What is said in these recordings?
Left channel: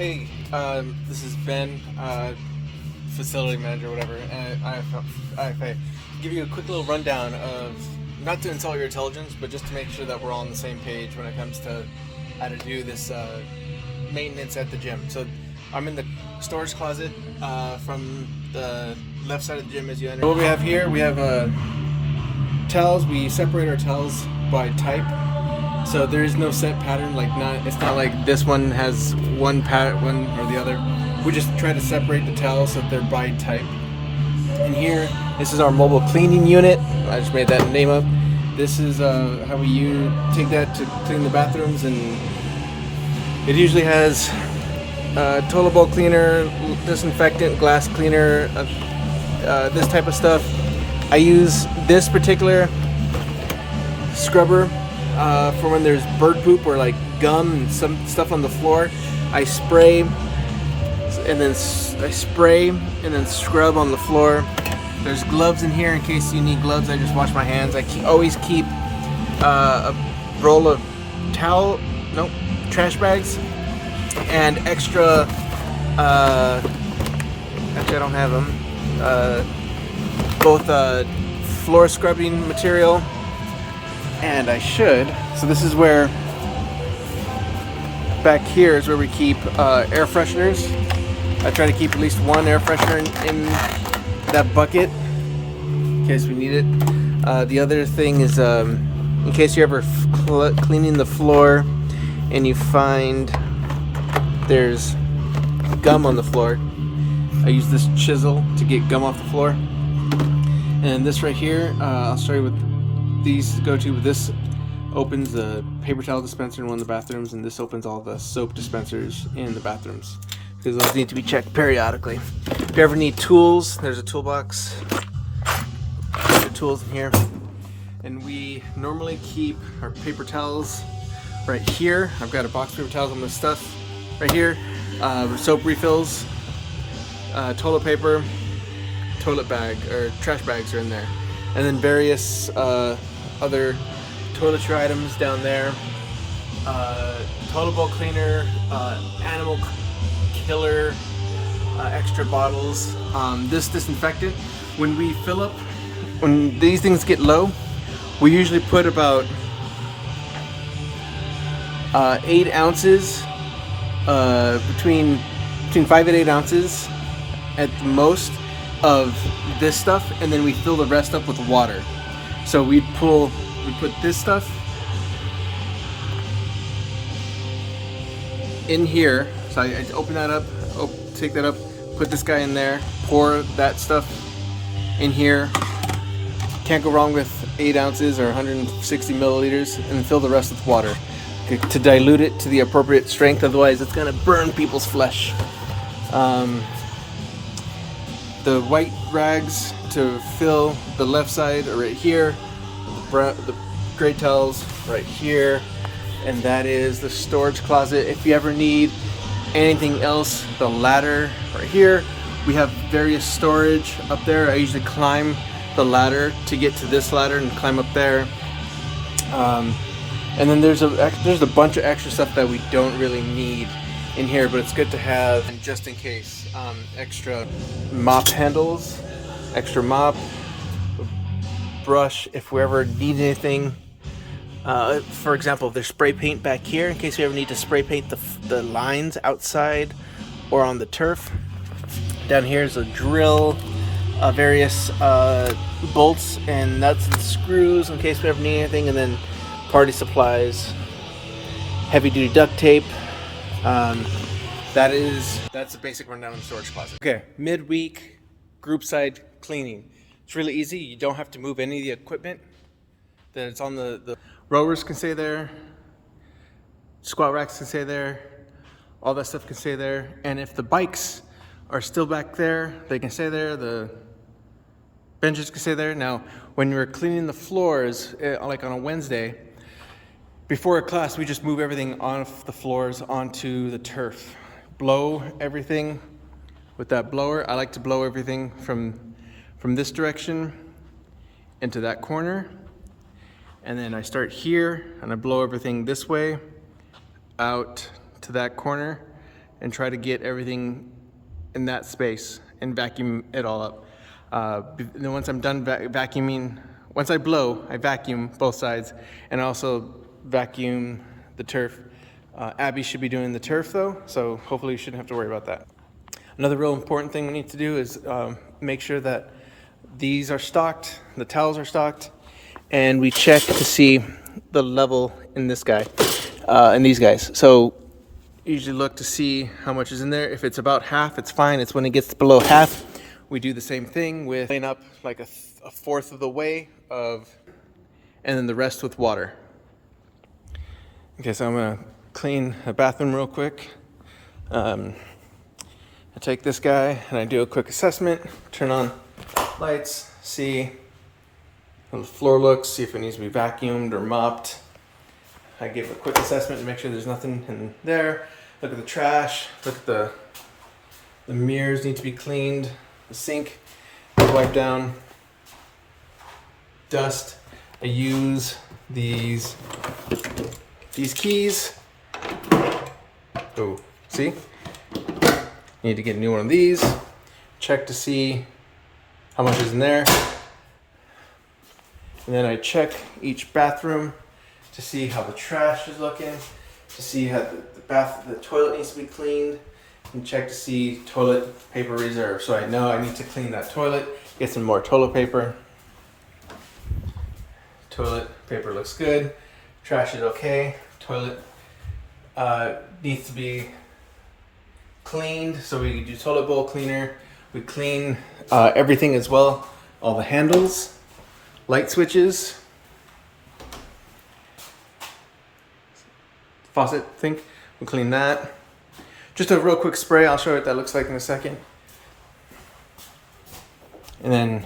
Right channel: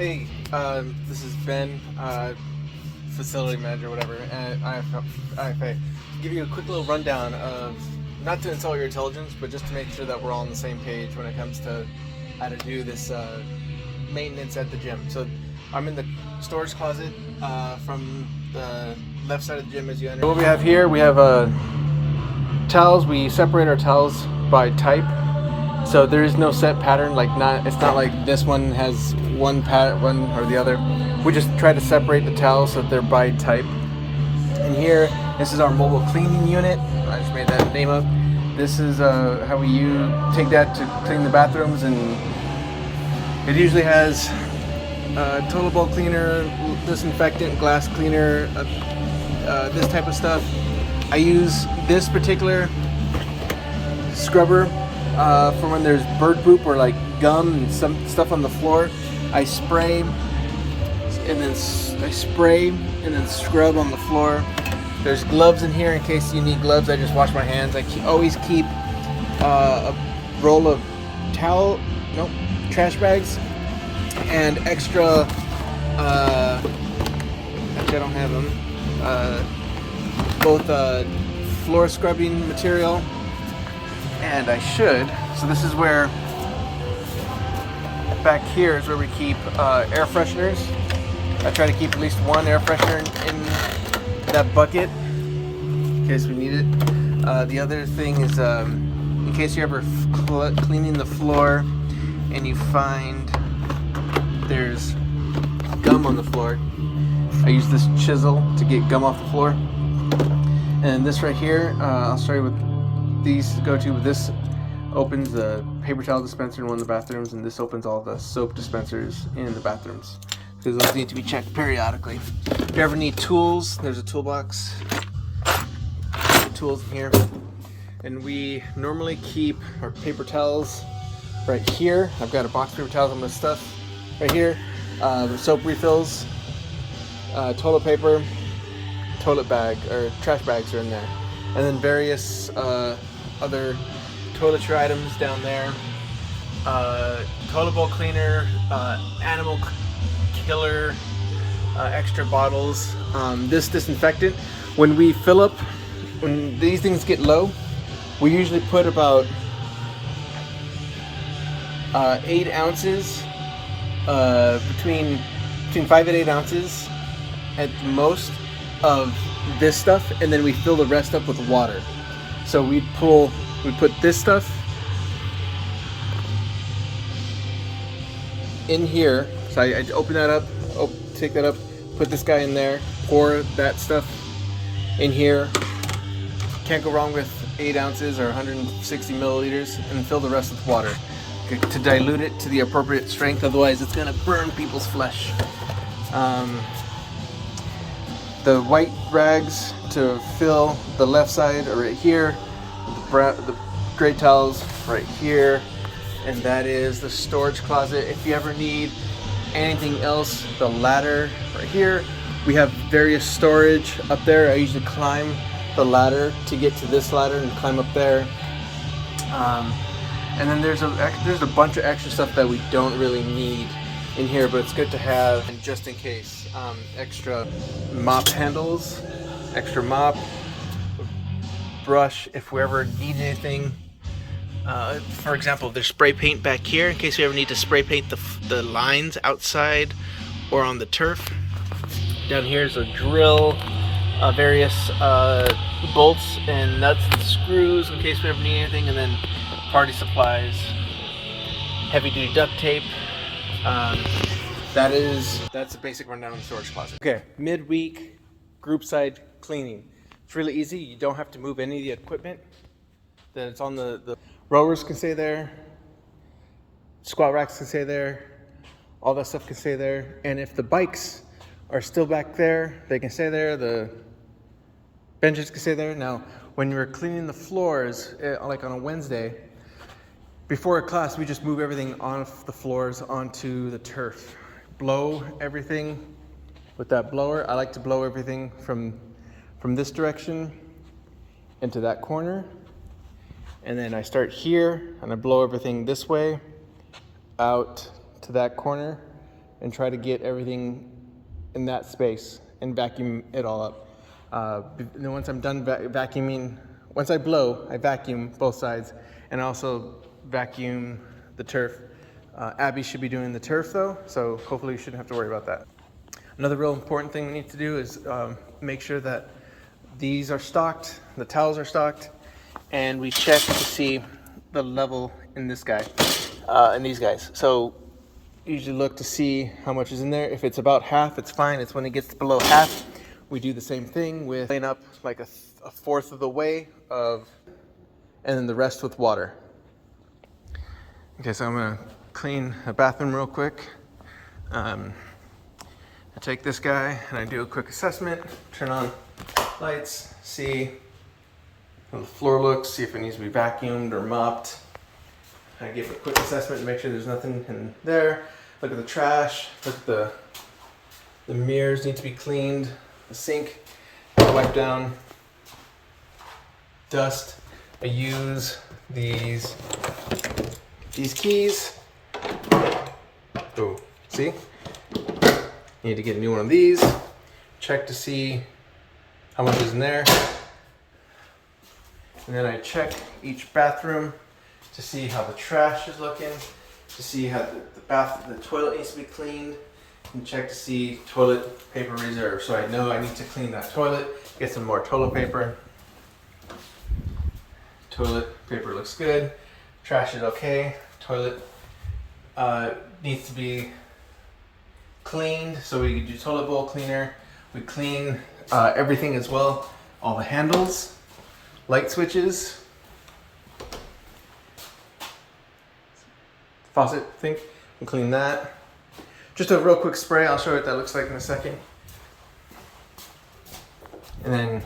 Hey, this is Ben, facility manager, whatever, at IFA. Give you a quick little rundown of, not to insult your intelligence, but just to make sure that we're all on the same page when it comes to how to do this maintenance at the gym. So I'm in the storage closet from the left side of the gym as you enter. What we have here, we have towels. We separate our towels by type. So there is no set pattern, it's not like this one has one or the other. We just try to separate the towels so that they're by type. And here, this is our mobile cleaning unit. I just made that name up. This is how we take that to clean the bathrooms, and it usually has toilet bowl cleaner, disinfectant, glass cleaner, this type of stuff. I use this particular scrubber for when there's bird poop or like gum and some stuff on the floor. I spray and then scrub on the floor. There's gloves in here in case you need gloves. I just wash my hands. I always keep a roll of trash bags and extra. Actually, I don't have them. Both floor scrubbing material. And I should. So this is where, back here is where we keep air fresheners. I try to keep at least one air freshener in that bucket in case we need it. The other thing is, in case you're ever cleaning the floor and you find there's gum on the floor, I use this chisel to get gum off the floor. And this right here, I'll show you what these go to. This opens the paper towel dispenser in one of the bathrooms, and this opens all the soap dispensers in the bathrooms, because those need to be checked periodically. If you ever need tools, there's a toolbox. There's tools in here. And we normally keep our paper towels right here. I've got a box of paper towels on this stuff right here. Soap refills, toilet paper, toilet bag, or trash bags are in there. And then various other toiletry items down there. Toilet bowl cleaner, animal killer, extra bottles. This disinfectant, when we fill up, when these things get low, we usually put about 8 ounces, between 5 and 8 ounces at most of this stuff, and then we fill the rest up with water. So we put this stuff in here. So I open that up, take that up, put this guy in there, pour that stuff in here. Can't go wrong with 8 ounces or 160 milliliters, and fill the rest with water to dilute it to the appropriate strength. Otherwise, it's gonna burn people's flesh. The white rags to fill the left side are right here. The gray towels right here. And that is the storage closet. If you ever need anything else, the ladder right here. We have various storage up there. I usually climb the ladder to get to this ladder and climb up there. And then there's a bunch of extra stuff that we don't really need in here, but it's good to have, and just in case. Extra mop handles, extra mop, brush if we ever need anything. For example, there's spray paint back here in case we ever need to spray paint the lines outside or on the turf. Down here is a drill, various bolts and nuts and screws in case we ever need anything, and then party supplies, heavy duty duct tape. That's a basic rundown of the storage closet. Okay, midweek group side cleaning. It's really easy. You don't have to move any of the equipment. It's on the rowers can stay there, squat racks can stay there, all that stuff can stay there. And if the bikes are still back there, they can stay there. The benches can stay there. Now, when we're cleaning the floors, like on a Wednesday, before a class, we just move everything off the floors onto the turf. Blow everything with that blower. I like to blow everything from this direction into that corner. And then I start here and I blow everything this way out to that corner and try to get everything in that space and vacuum it all up. Then once I'm done vacuuming, once I blow, I vacuum both sides, and I also vacuum the turf. Abby should be doing the turf though, so hopefully you shouldn't have to worry about that. Another real important thing we need to do is make sure that these are stocked, the towels are stocked, and we check to see the level in this guy, in these guys. So usually look to see how much is in there. If it's about half, it's fine. It's when it gets below half, we do the same thing with laying up like a fourth of the way and then the rest with water. Okay, so I'm gonna clean the bathroom real quick. I take this guy and I do a quick assessment, turn on lights, see how the floor looks, see if it needs to be vacuumed or mopped. I give a quick assessment to make sure there's nothing in there. Look at the trash, look at the mirrors need to be cleaned, the sink, wipe down, dust. I use these keys. Oh, see? Need to get a new one of these. Check to see how much is in there. And then I check each bathroom to see how the trash is looking, to see how the toilet needs to be cleaned, and check to see toilet paper reserve. So I know I need to clean that toilet, get some more toilet paper. Toilet paper looks good. Trash is okay. Toilet needs to be cleaned, so we do toilet bowl cleaner. We clean everything as well, all the handles, light switches, faucet sink, we'll clean that. Just a real quick spray, I'll show you what that looks like in a second. And then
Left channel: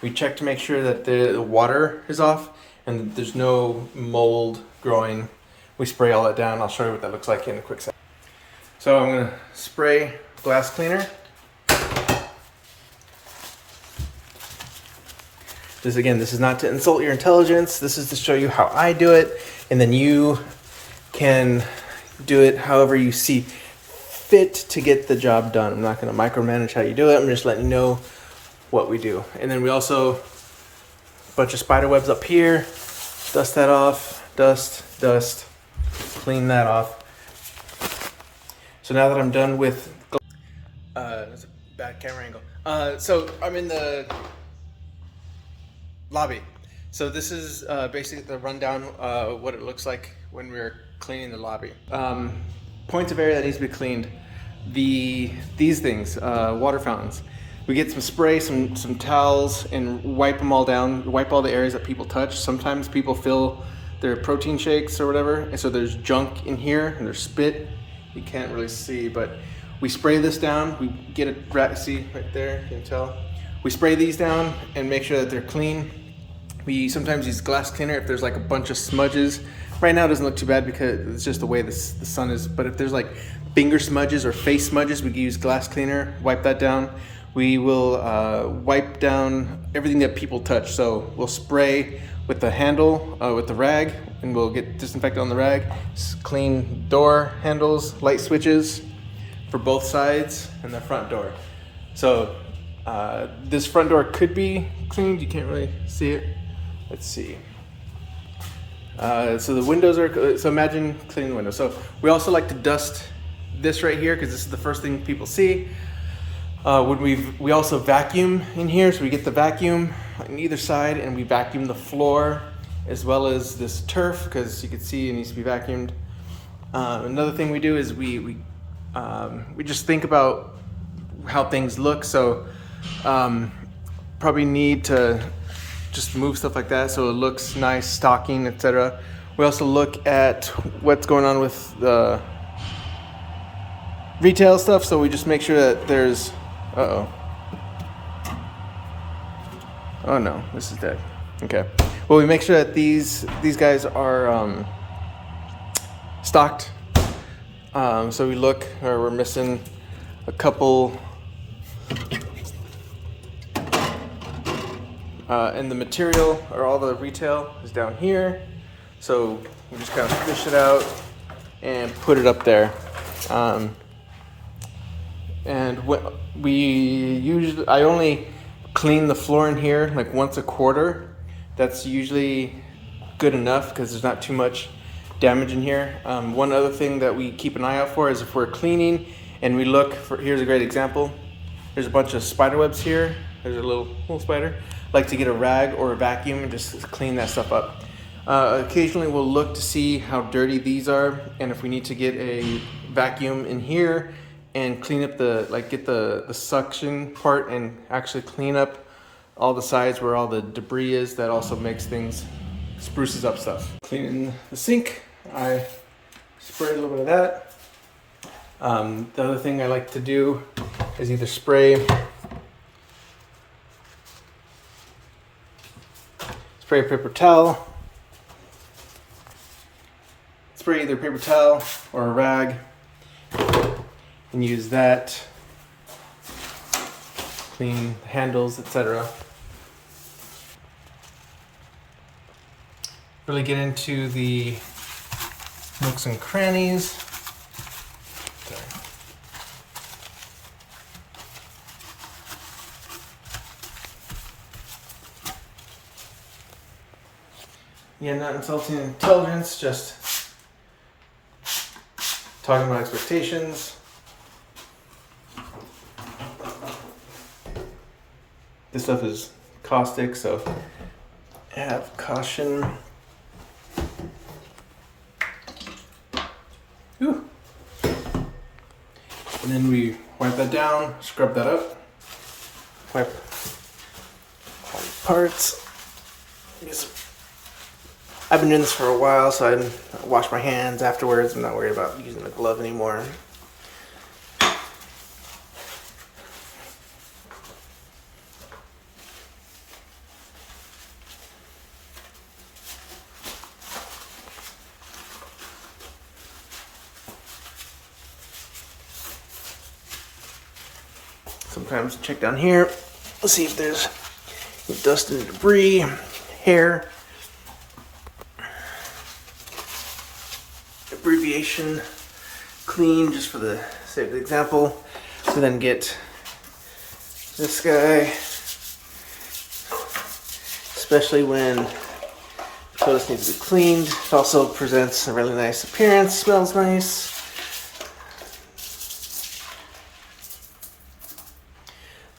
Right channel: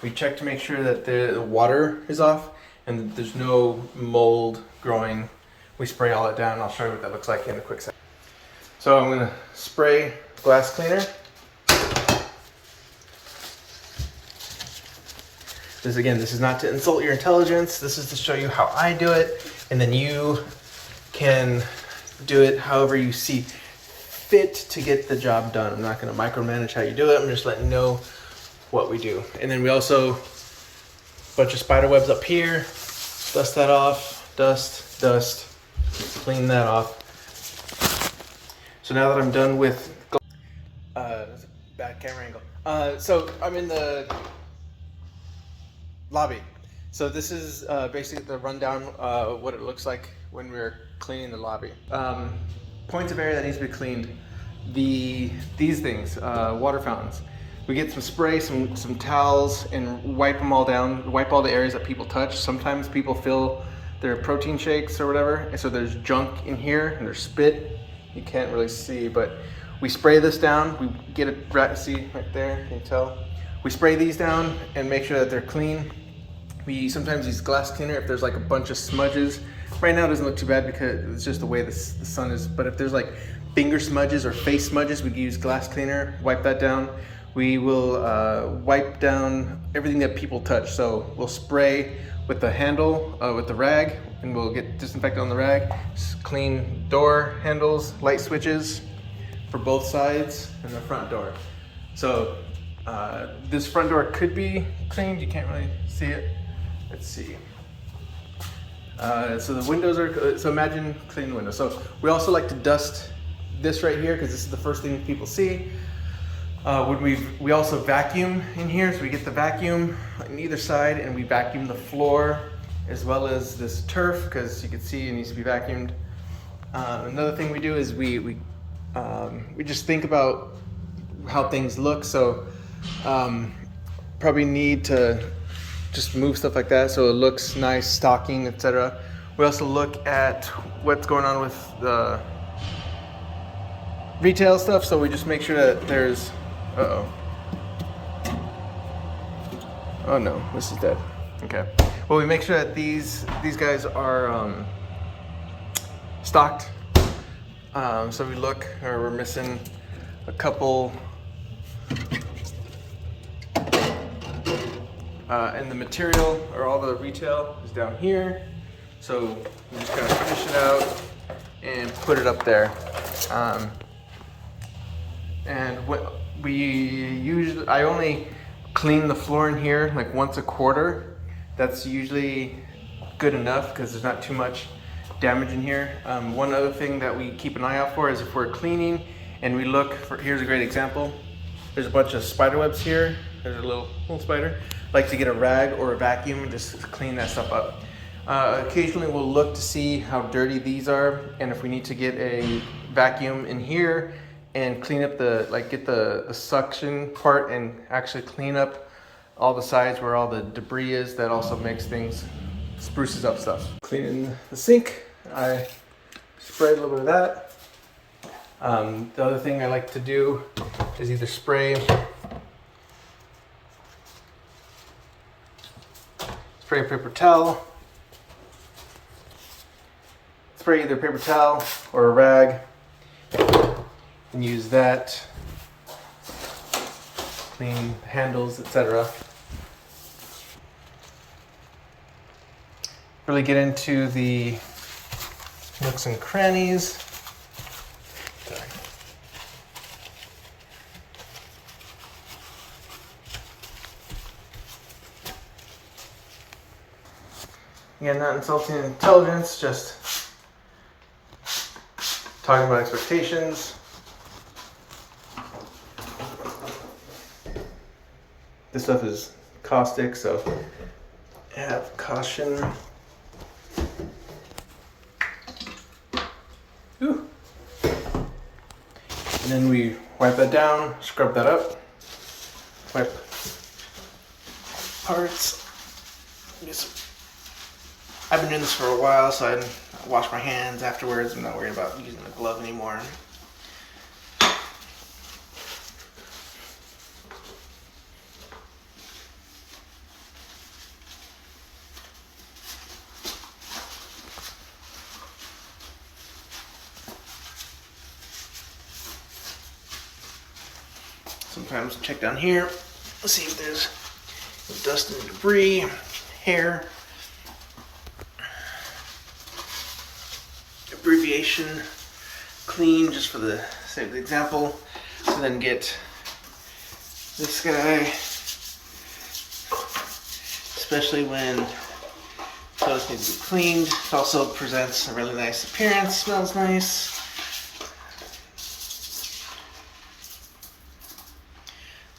we check to make sure that the water is off and there's no mold growing. We spray all that down. I'll show you what that looks like in a quick second. So I'm gonna spray glass cleaner. This is not to insult your intelligence. This is to show you how I do it, and then you can do it however you see fit to get the job done. I'm not gonna micromanage how you do it. I'm just letting you know what we do. And then we also, bunch of spider webs up here. Dust that off, dust, clean that off. So now that I'm done with, that's a bad camera angle. So I'm in the lobby. So this is basically the rundown what it looks like when we're cleaning the lobby. Points of area that needs to be cleaned. These things, water fountains. We get some spray, some towels, and wipe them all down. Wipe all the areas that people touch. Sometimes people fill their protein shakes or whatever, and so there's junk in here and there's spit. You can't really see, but we spray this down. We get it, see right there, can you tell? We spray these down and make sure that they're clean. We sometimes use glass cleaner if there's like a bunch of smudges. Right now it doesn't look too bad because it's just the way the sun is, but if there's like finger smudges or face smudges, we can use glass cleaner, wipe that down. We will wipe down everything that people touch. So we'll spray with the handle, with the rag, and we'll get disinfectant on the rag. Just clean door handles, light switches for both sides, and the front door. So this front door could be cleaned. You can't really see it. Let's see. So the windows are, so imagine cleaning the windows. So we also like to dust this right here because this is the first thing people see. We also vacuum in here, so we get the vacuum on either side and we vacuum the floor as well as this turf because you can see it needs to be vacuumed. Another thing we do is we just think about how things look, so probably need to just move stuff like that so it looks nice, stocking, etc. We also look at what's going on with the retail stuff, so we just make sure that there's oh no, this is dead. Okay. Well, we make sure that these guys are stocked. So we look, or we're missing a couple, and the material or all the retail is down here. So we just kind of fish it out and put it up there. And I only clean the floor in here like once a quarter. That's usually good enough because there's not too much damage in here. One other thing that we keep an eye out for is if we're cleaning and we look for, here's a great example. There's a bunch of spider webs here. There's a little spider. Like to get a rag or a vacuum and just clean that stuff up. Occasionally we'll look to see how dirty these are, and if we need to get a vacuum in here and clean up get the suction part and actually clean up all the sides where all the debris is. That also makes things, spruces up stuff. Cleaning the sink, I spray a little bit of that. The other thing I like to do is either spray a paper towel, spray either paper towel or a rag, and use that, clean the handles, etc. Really get into the nooks and crannies. Yeah, not insulting intelligence, just talking about expectations. This stuff is caustic, so have caution. Ooh. And then we wipe that down, scrub that up, wipe all the parts. I've been doing this for a while, so I wash my hands afterwards. I'm not worried about using the glove anymore. Sometimes check down here, see if there's dust and debris, hair. Abbreviation clean, just for the sake of the example. We then get this guy, especially when toilets need to be cleaned. It also presents a really nice appearance, smells nice.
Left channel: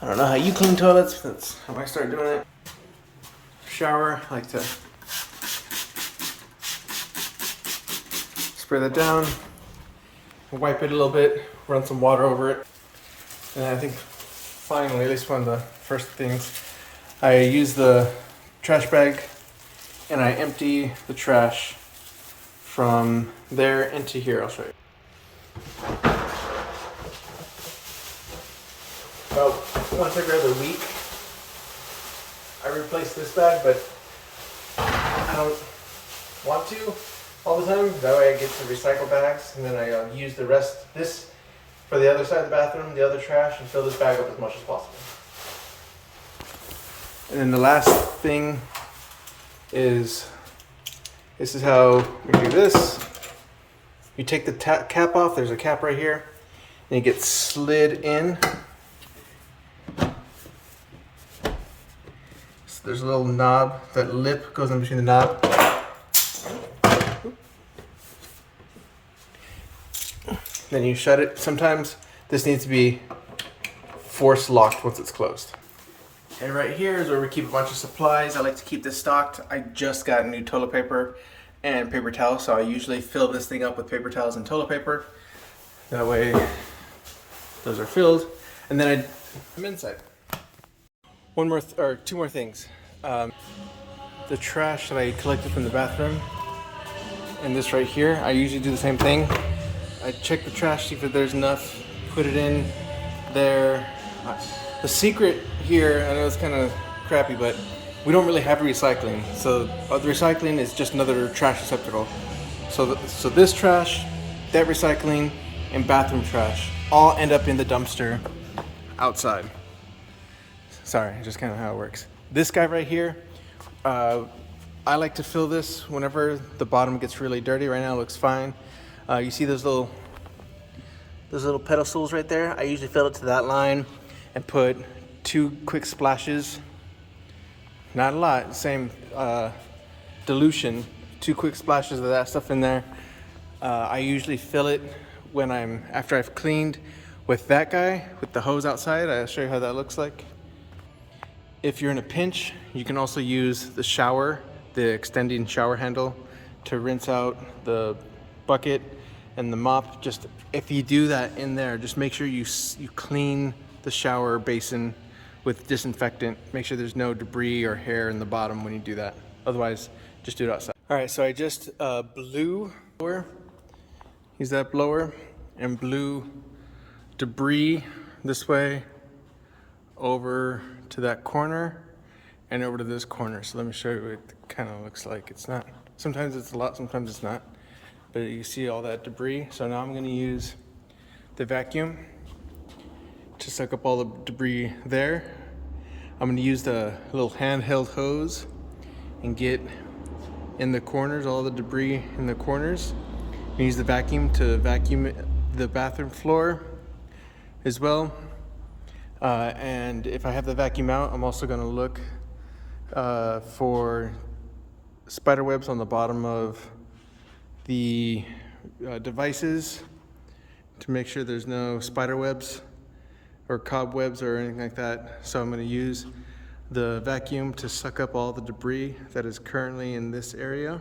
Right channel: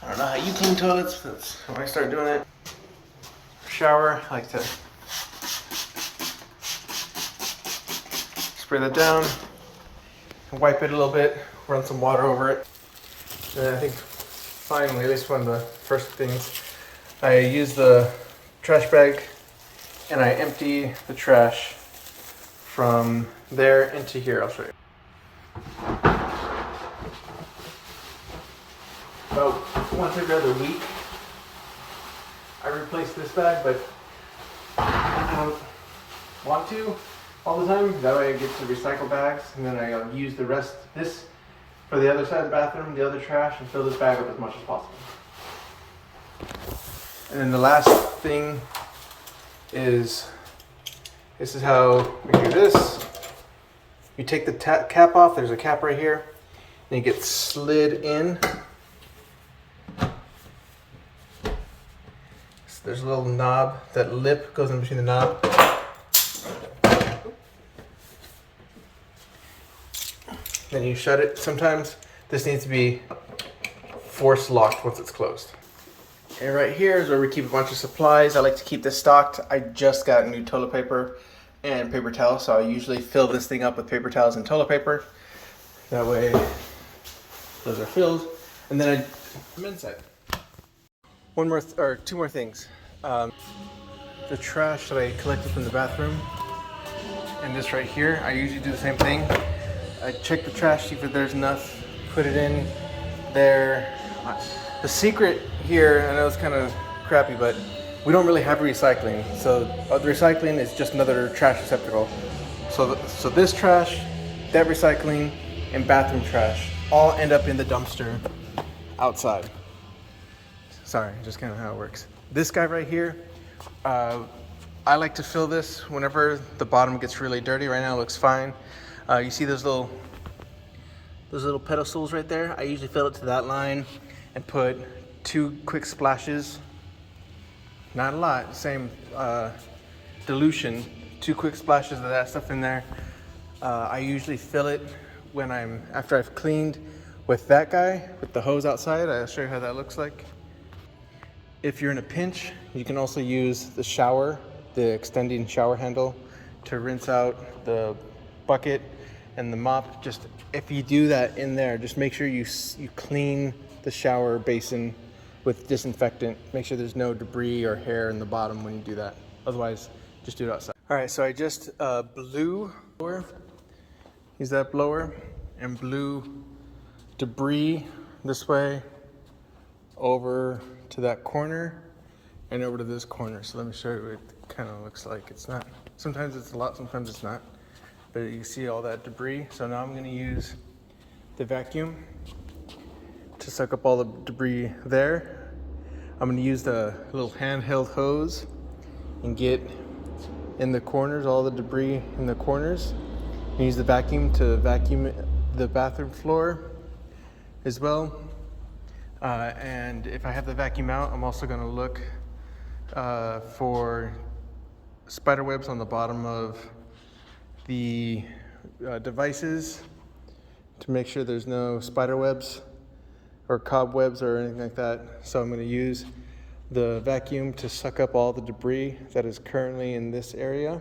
I don't know how you clean toilets, but that's how I start doing it. Shower, I like to spray that down, wipe it a little bit, run some water over it. And I think finally, this is one of the first things, I use the trash bag and I empty the trash from there into here. I'll show you. About once every other week, I replace this bag, but I don't want to all the time. That way I get the recycle bags, and then I use the rest, this for the other side of the bathroom, the other trash, and fill this bag up as much as possible. And then the last thing is, this is how we do this. You take the cap off, there's a cap right here, and you get slid in. So there's a little knob, that lip goes in between the knob. Then you shut it. Sometimes this needs to be force locked once it's closed. And right here is where we keep a bunch of supplies. I like to keep this stocked. I just got new toilet paper and paper towels, so I usually fill this thing up with paper towels and toilet paper. That way those are filled. And then I'm inside. Two more things. The trash that I collected from the bathroom and this right here, I usually do the same thing. I check the trash, see if there's enough, put it in there. The secret here, I know it's kind of crappy, but we don't really have recycling. So the recycling is just another trash receptacle. So this trash, that recycling, and bathroom trash all end up in the dumpster outside. Sorry, just kind of how it works. This guy right here, I like to fill this whenever the bottom gets really dirty. Right now it looks fine. You see those little those little pedestals right there, I usually fill it to that line and put 2 quick splashes. Not a lot, same dilution, 2 quick splashes of that stuff in there. I usually fill it when after I've cleaned with that guy, with the hose outside. I'll show you how that looks like. If you're in a pinch, you can also use the shower, the extending shower handle, to rinse out the bucket and the mop. Just if you do that in there, just make sure you clean the shower basin with disinfectant. Make sure there's no debris or hair in the bottom when you do that. Otherwise, just do it outside. All right, so I just blew, use that blower, and blew debris this way over to that corner and over to this corner. So let me show you what it kind of looks like. It's not, sometimes it's a lot, sometimes it's not, but you see all that debris. So now I'm going to use the vacuum to suck up all the debris there. I'm going to use the little handheld hose and get in the corners, all the debris in the corners. And use the vacuum to vacuum the bathroom floor as well. And if I have the vacuum out, I'm also going to look for spider webs on the bottom of the devices to make sure there's no spider webs or cobwebs or anything like that. So I'm going to use the vacuum to suck up all the debris that is currently in this area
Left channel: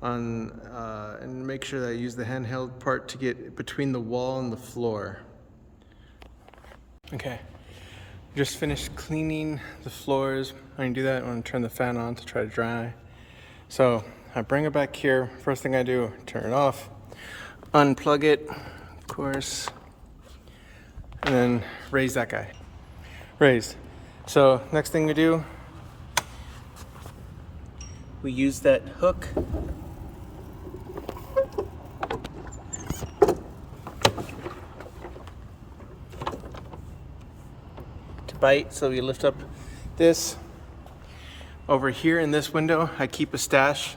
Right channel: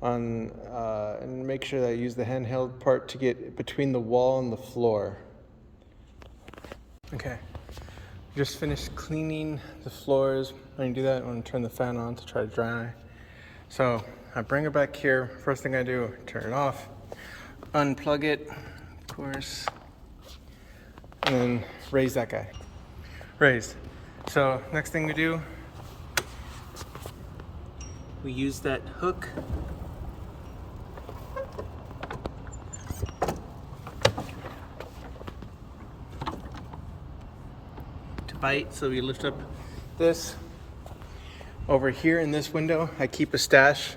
and make sure that I use the handheld part to get between the wall and the floor. Okay, just finished cleaning the floors. I can do that when I turn the fan on to try to dry. So I bring it back here. First thing I do, turn it off, unplug it, of course, and then raise that guy. Raised. So next thing we do, we use that hook to bite. So we lift up this. Over here in this window, I keep a stash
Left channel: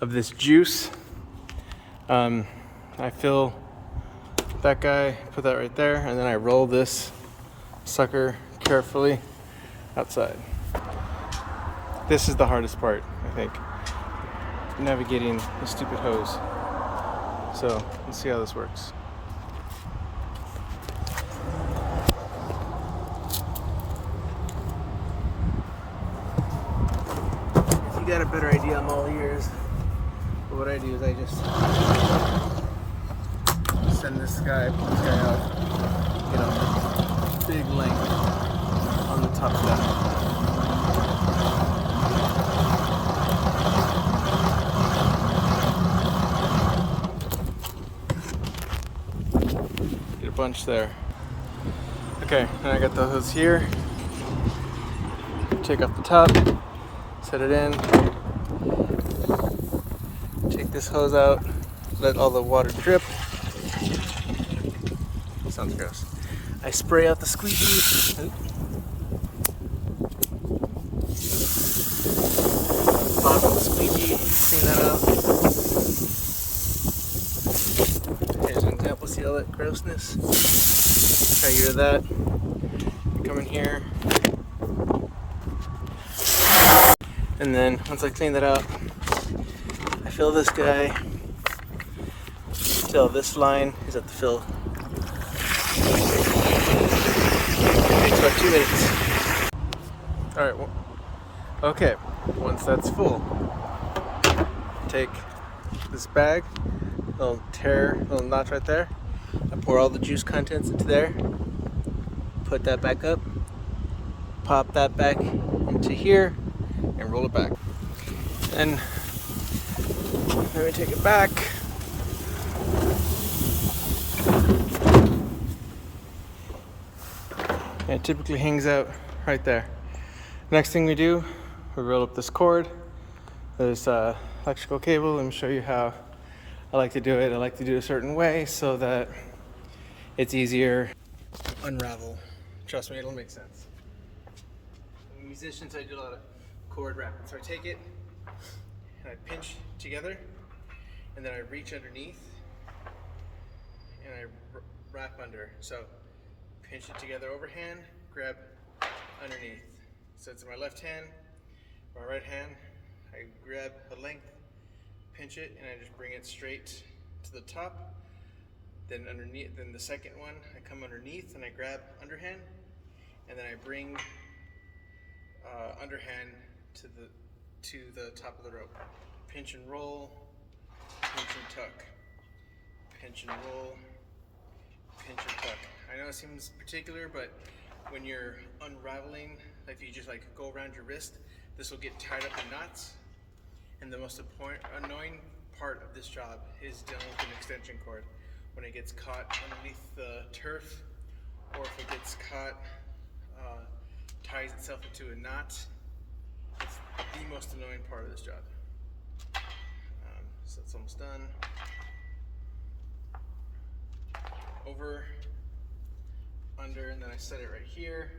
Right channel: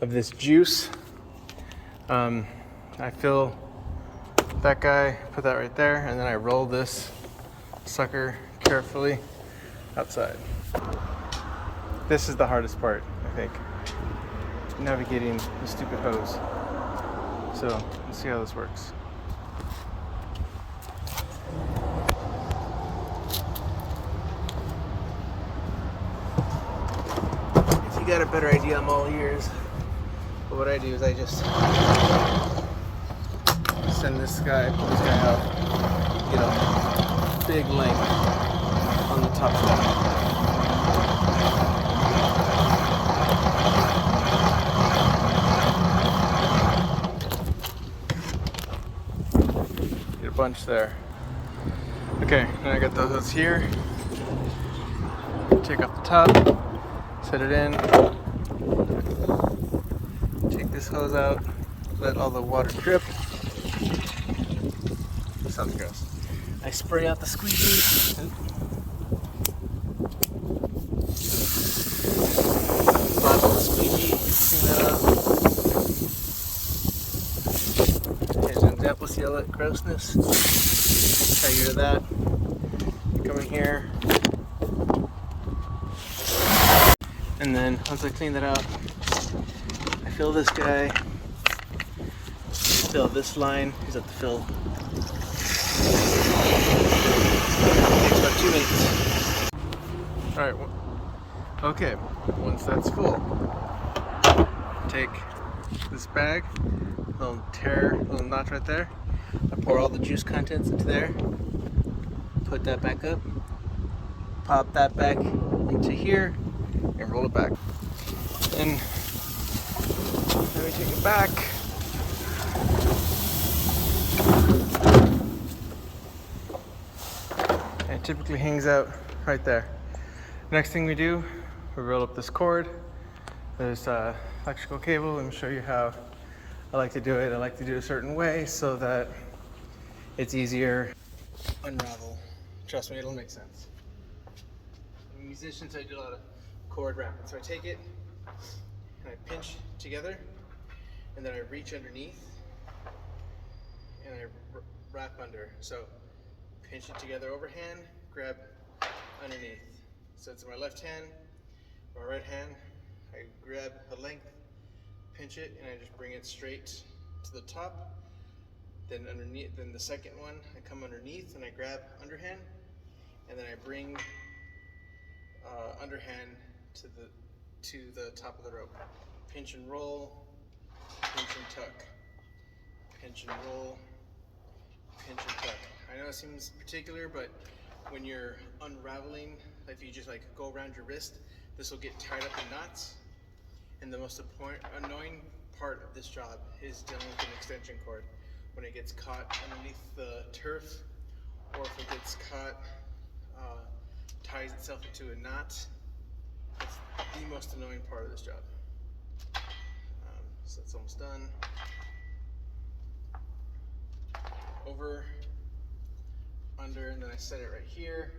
of this juice. I fill that guy, put that right there, and then I roll this sucker carefully outside. This is the hardest part, I think, navigating the stupid hose. So let's see how this works. If you got a better idea, I'm all ears. But what I do is I just send this guy up, get a big length from the top to bottom. Get a bunch there. Okay, now I got those here. Take off the top, set it in. Take this hose out, let all the water drip. Sounds gross. I spray out the squeegee. Bottom of the squeegee, clean that out. There's an example, see all that grossness? Try to do that. Come in here. And then once I clean that out, I fill this guy. Fill this line is at the fill. Takes about 2 minutes. Alright, okay, once that's full, take this bag, little notch right there. I'll pour all the juice contents into there, put that back up, pop that back into here, and roll it back. Then I'm going to take it back. And it typically hangs out right there. Next thing we do, we roll up this cord. There's electrical cable. Let me show you how I like to do it. I like to do it a certain way so that it's easier to unravel. Trust me, it'll make sense. I'm a musician, so I do a lot of cord wrapping. So I take it and I pinch together, and then I reach underneath and I wrap under. So pinch it together overhand, grab underneath. So it's my left hand, my right hand, I grab a length, pinch it, and I just bring it straight to the top. Then underneath, then the second one, I come underneath and I grab underhand, and then I bring underhand to the top of the rope. Pinch and roll, pinch and tuck, pinch and roll, pinch and tuck. I know it seems particular, but when you're unraveling, like if you just like go around your wrist, this will get tied up in knots. And the most annoying part of this job is dealing with an extension cord. When it gets caught underneath the turf, or if it gets caught, ties itself into a knot, it's the most annoying part of this job. So it's almost done. Over, under, and then I set it right here.